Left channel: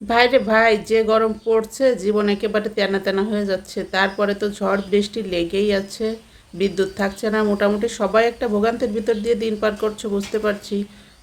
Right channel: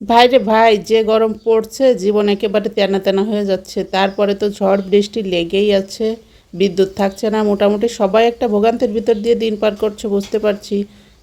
ভাই রে ভাই, যে গরম পড়ছে জীবন একেবারে তেনা তেনা হয়ে যাচ্ছে। তারপরে তো ঝড় বৃষ্টি লেগেই আছে, বিদ্যুৎ থাকছে না। মোটামুটি সবাই একটা ভোগান্তির ভিতর দিয়ে দিন পার করছে, বুঝতে পারছি।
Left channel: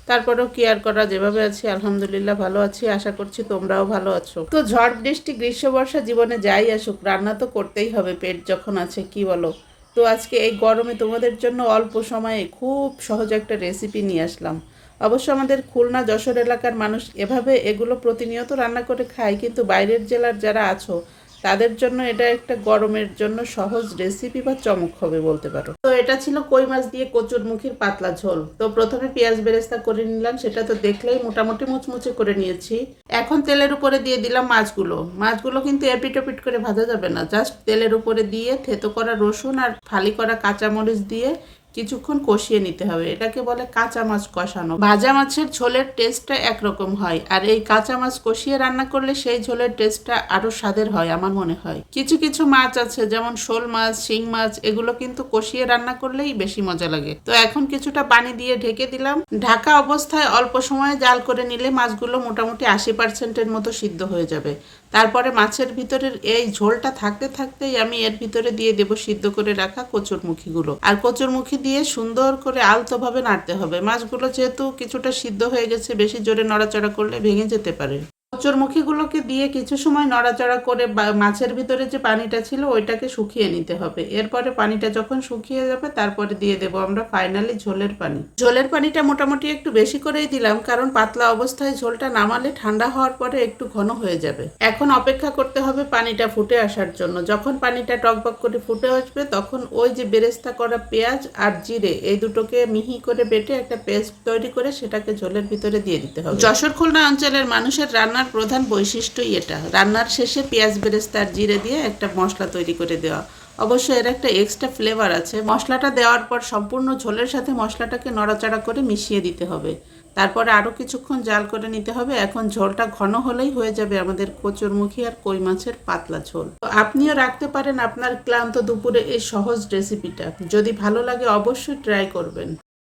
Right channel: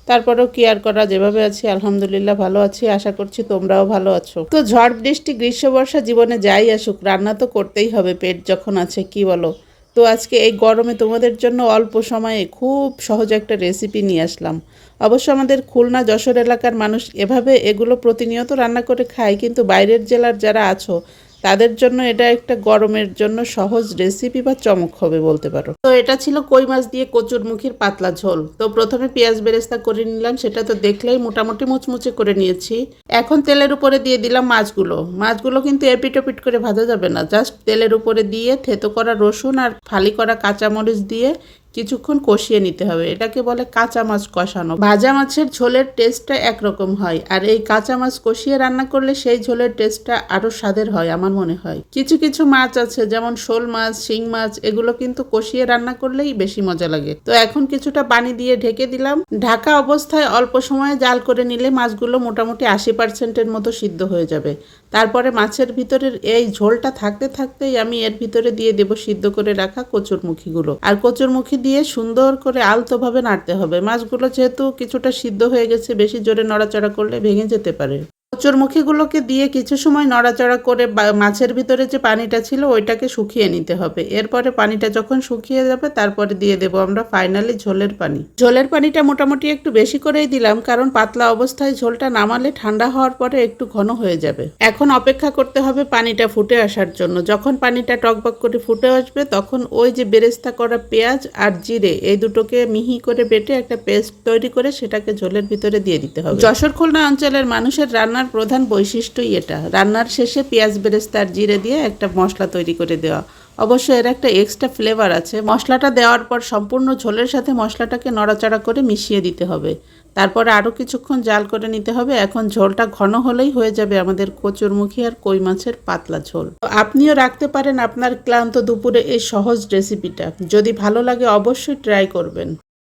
তারপরেও কি আর করা, যেভাবে আছি আলহামদুলিল্লাহ ভালো আছি। আশা করছি তোমরাও ভালো আছো। তো ঝড় বৃষ্টি গ্রীষ্ম বর্ষা জীবনে যাই আসুক, রান্না তো করতেই হবে পেট যখন আছে, কি বলো? তো আজকে এই গরমে তোমাদের জন্য অল্প সময়ে খুব সহজ একটা রেসিপি নিয়ে আসলাম। অবশ্য আমাদের খুলনা যশোর এলাকার মানুষ এভাবে এগুলো প্রতিনিয়ত রান্না করে খায়, কিন্তু বাইরের জেলার যারা আছো তাদের জন্য এটা একটা গরমের জন্য সহজ রেসিপি বা চমক হবে বলতে পারো। তো এটা ছিল কই মাছ দিয়ে কচুরমুখির পাতলা ঝোল। তো প্রথমে পেঁয়াজ বেরেস্তা করে নিলাম, সেটা তো দেখলেই মোটামুটি মুচমুচে করে নিয়েছি। এখন তেলের উপরে দিয়ে দিলাম মাছগুলো। মাছগুলো কিন্তু এপিট ওপিট করে ভাজা যাবে না, জাস্ট তেলের উপরে দিয়ে থেতো করা রসুন আর ফালি করা কাঁচামরিচ দিয়ে কিছুক্ষণ কষিয়ে নিতে হবে। এটাকে বলে কাঁচা মাছ কষানো। ভাজা মাছের ঝোলের টেস্টটা একরকম হয়, আর এই কাঁচা মাছ কষিয়ে রান্না করলে সেই ঝোলের টেস্টটা আরো স্বাদের হয় আমার মনে হয়। কিছু কিছু মাছ আছে যেমন শোল মাছ, শিং মাছ, এগুলো কিন্তু কষিয়ে রান্না করলেই বেশি মজা লাগে। তো এখন কিছুটা পানি দিয়ে ঢেকে দিলাম। ঢাকা অবস্থায় অল্প সময়ে জাল করে নিলে মাছগুলো মোটামুটি 80%-এর মতো সিদ্ধ হয়ে যাবে। তারপরে মাছের ভিতরের এই ঝোলটা থাকতে থাকতেই আমি এর ভিতরে দিয়ে দেব সিদ্ধ করে রাখা কচুরমুখিগুলো। আর কচুরমুখি দিয়ে সুন্দর করে আলতোভাবে নাড়তে হবে। মাছগুলো যেহেতু কিছুটা সিদ্ধ হয়ে গেছে, বেশি জোরে নড়াচড়া করলে ভেঙে যেতে পারে। কচুরমুখিগুলোকে দিয়ে কিছু সময় নড়াচড়া করে মাছের ভিতরে যে পানিটা ছিল ওইটাকে শুকিয়ে নিতে হবে। এরপরে পানিটা যখন শুকিয়ে যাবে তারপরে দিয়ে দেবো আমরা ফাইনালি ঝোলের পানি। ঝোলের পানিটা মোটামুটি একটু বেশি করেই দিলাম, কারণ পাতলা অবস্থায় ঝোলটা নামালে ঠান্ডা হওয়ার পরে একটু ঘন হয়ে যাবে। এখন অপেক্ষা করতে হবে পানিটা ফুটে আসার জন্য। যখন পানিটা টকবক করে ফুটে আসবে তখন ওই যে বেরেস্তা করা পেঁয়াজ আর জিরে এই দুটোকে মিহি করে বেটে একটা পেস্ট তৈরি করে সেটাকে ঝোলের ভিতরে দিয়ে দিতে হবে। যশোর খুলনা অঞ্চলের মানুষের রান্নার প্রধান বৈশিষ্ট্যই এটা, রান্নার শেষে পেঁয়াজ বেরেস্তা আর জিরে দিয়ে একটা মশলা তৈরি করে দেওয়া। অবশ্য এর একটা এক্সট্রা ফ্লেভার আছে। মশলাটা দেওয়ার পর সম্পূর্ণ ঝোলের সাথে মশলাটাকে নড়াচড়া করে মিশিয়ে দিতে হবে। তারপরে আরও কিছুক্ষণ জাল করে নিতে হবে। এখন ঝোলটা ঘন হলেই হয়ে যাবে আমাদের কচুরমুখী আর কই মাছের পাতলা ঝোল। আপনিও রাখতে পারেন আপনার ক্লান্ত দুপুরে এই সহজ রেসিপিটা। যদি ভালো লাগে অবশ্যই ট্রাই করবেন।